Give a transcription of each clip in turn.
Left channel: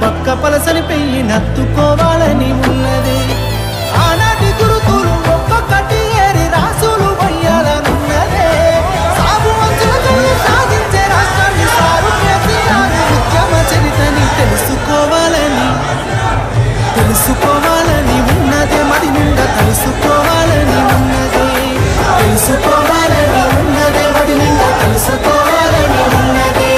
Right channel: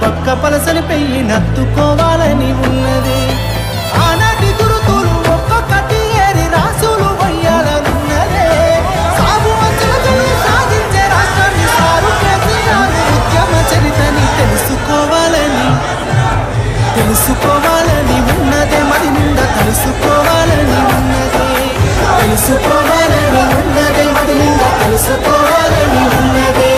బక్క పలసని పెయ్యి నత్తుకోవాలని ఉన్నదే ఆనాటి గురుతులు ఒక్కొక్కటి ఏరి రాసులు వయ్యాలనున్నదే సాగు అంచులతో సాధించే రాష్ట్రాన్ని సారు కేసీఆర్ ఉద్యమ చరితని తెలుసుకోవాలని ఉన్నదే మది నిండా తెలుసుకోవాలని ఉన్నదే మది నిండా తెలుసుకోవాలని ఉన్నదే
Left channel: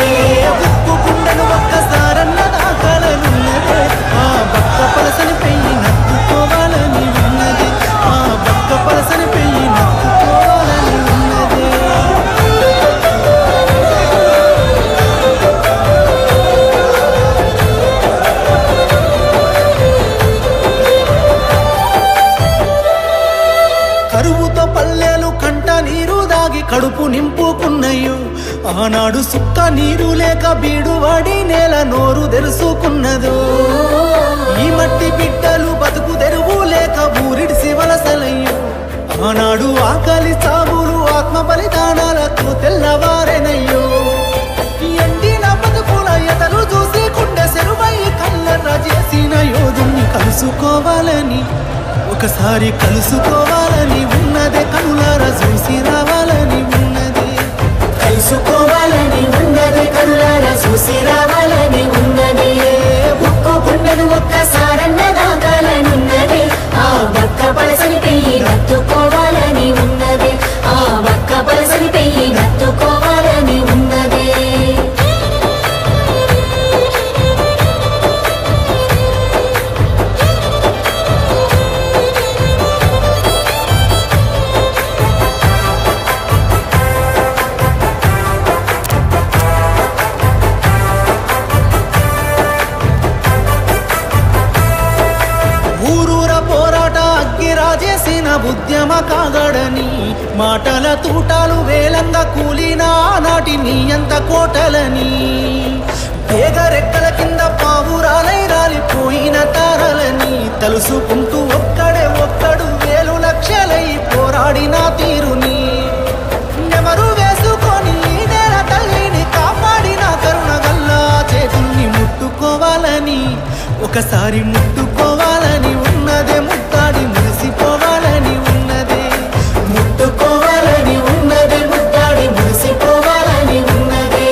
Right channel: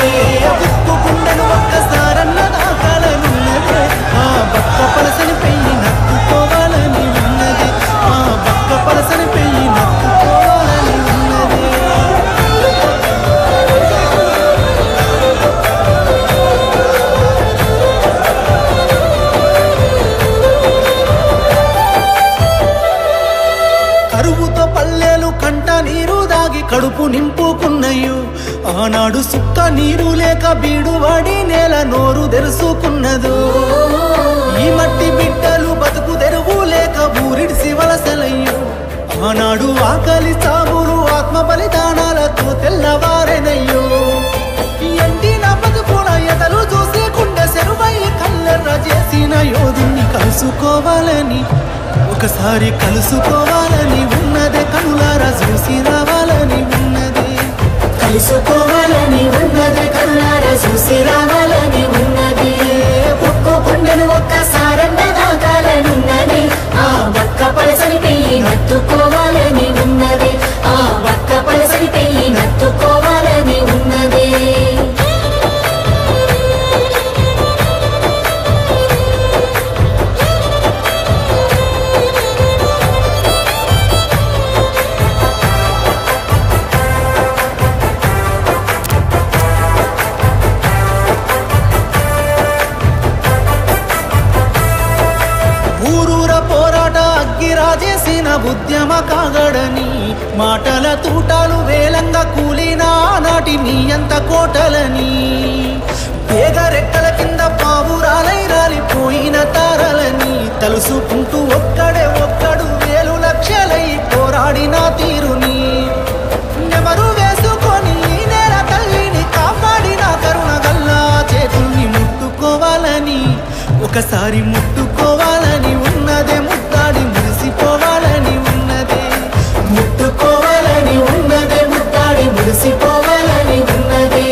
ఉప్పు గుండెను ఒక్కసారన్న దాకాలనున్నదే ఆ బక్క పలసని పెయ్యి నత్తుకోవాలని ఉన్నది ఆ బక్క పలసని పెయ్యి నత్తుకోవాలని ఉన్నదే కరువుతో పల్లెలు కంట నీరు దాగి కడుపు నింపుకున్నయ్యో ఆనాడు సుక్క నీరు లేక బీడు వాడి నేల నోరు తెరుసుకున్నదో ఈ మట్టి బిడ్డలు బతుకు తెరువు లేక ఊరిడిసి వలసలయ్యో ఆనాడు ఆకలి చావులు ఆత్మ బలిదానాలతో తెల్లవారెనయ్యో ఎండిన బతుకుల ఎతలు చూసి కుండె సెరువై కళ్ళెర్ర చేసిన యోధుణ్ణి కలుసుకోవాలని ఒకసారి కలుసుకోవాలని ఉన్నదే కనులారా చూసి రావాలని ఉన్నదే కలుసుకోవాలని ఉన్నదే కనులారా చూసి రావాలని ఉన్నదే ఉక్కు గుండెను ఒక్కసారన్న దాకాలనున్నదే ఆ బక్క పలసని పెయ్యి నత్తుకోవాలని ఉన్నదే ఆ బక్క పలసని పెయ్యి నత్తుకోవాలని ఉన్నదే ఊరూర పోరాట అగ్గిరాజేసిన ఉద్యమ కాగడని మాటల తూటాలు వేలంగా కూలిన ఆనాటి నీ అంత కోటలని తీగరెక్కల కింద పావురాలై రాలిపోయిన తారలని తలుసుకుంటూ ఒక్కడు వేలు లక్షలై పోరాడిన తీరుని నెమరు వేసుకొని నేల తల్లిని కాపాడిన కరుణ గల్లా చేతుల్ని ముట్టుకోవాలని ఒకసారి ముట్టుకోవాలని ఉన్నదే ముద్దాడి మురిసిపోవాలని ఉన్నదే ముట్టుకోవాలని ఉన్నదే ముద్దాడి మురిసిపోవాలని ఉన్నదే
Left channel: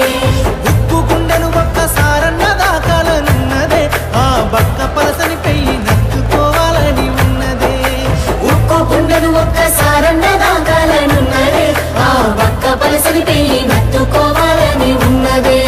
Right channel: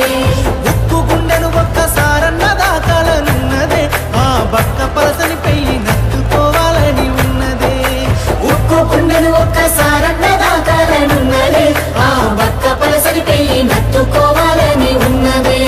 ఉక్కు గుండెను ఒక్కసారన్న దాకాలనున్నదే ఆ బక్క పలసని పెయ్యి నత్తుకోవాలని ఉన్నదే ఉక్కు గుండెను ఒక్కసారన్న దాకాలనున్నదే ఆ బక్క పలసని పెయ్యి నత్తుకోవాలని ఉన్నదే